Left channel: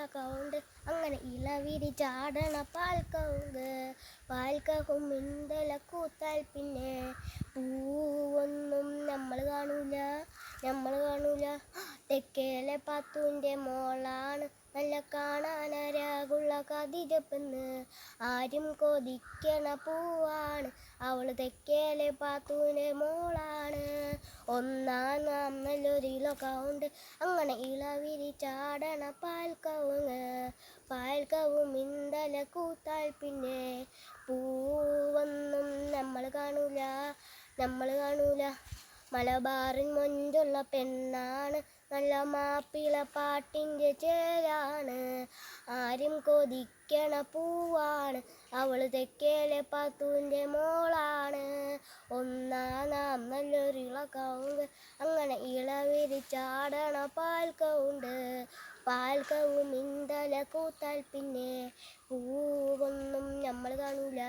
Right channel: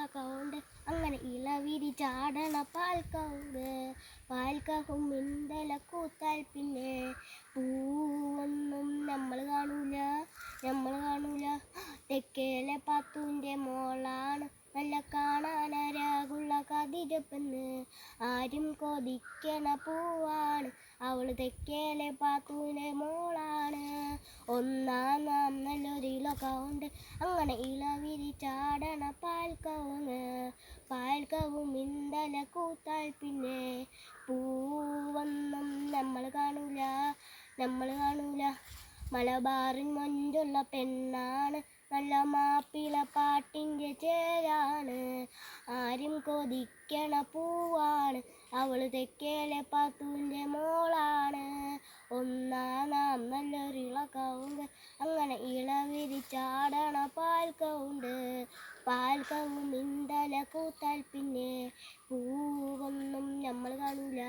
ഇളകൗണ്ട് അങ്ങനെ ഇളവിരി ചാടണ പാൽക്കൗണ്ട്. പാൽക്കഹും ഇന്തല കൂത്താൽ പിന്നെ പൂവൊന്നും നമ്മൾ കാണൂല നമ്മൾ കാണൂല. തെക്കേലെ പത്തുന്റെ മോളാണ് നല്ല കാണാനരാകുള്ള കതിരപ്പെന്ന്. ആരും കൊതിക്കണ പൂവാണ് അവൾ തെക്കേലെ പാത്തൂന്റെ മോളാണ്. ഒന്നാം നാം നല്ലൊരു ഇളകൗണ്ട്. അങ്ങനെ ഇളവിരി ചാടണ പാൽക്കവുങ്ങ് പാൽക്കവും ഇന്തല കൂത്താൽ പിന്നെ പൂവൊന്നും നമ്മൾ കാണൂല നമ്മൾ കാണൂല. മലബാറിൻ മൊഞ്ചുള്ള പെണ്ണാണ് നല്ല മാപ്പിള പാട്ടിന്റെ ചേരാണ്. ആരും കൊതിക്കണ പൂവാണ് അവൾ തെക്കേലെ പാത്തൂന്റെ മോളാണ്. ഒന്നാം നാം നല്ലൊരു ഇളക്കവുണ്ട് അങ്ങനെ ഇളവിരി ചാടണ പാൽക്കവുണ്ട് പാൽക്കവും ഇന്തല കൂത്താൽ പിന്നെ പൂവൊന്നും നമ്മൾ കാണൂല.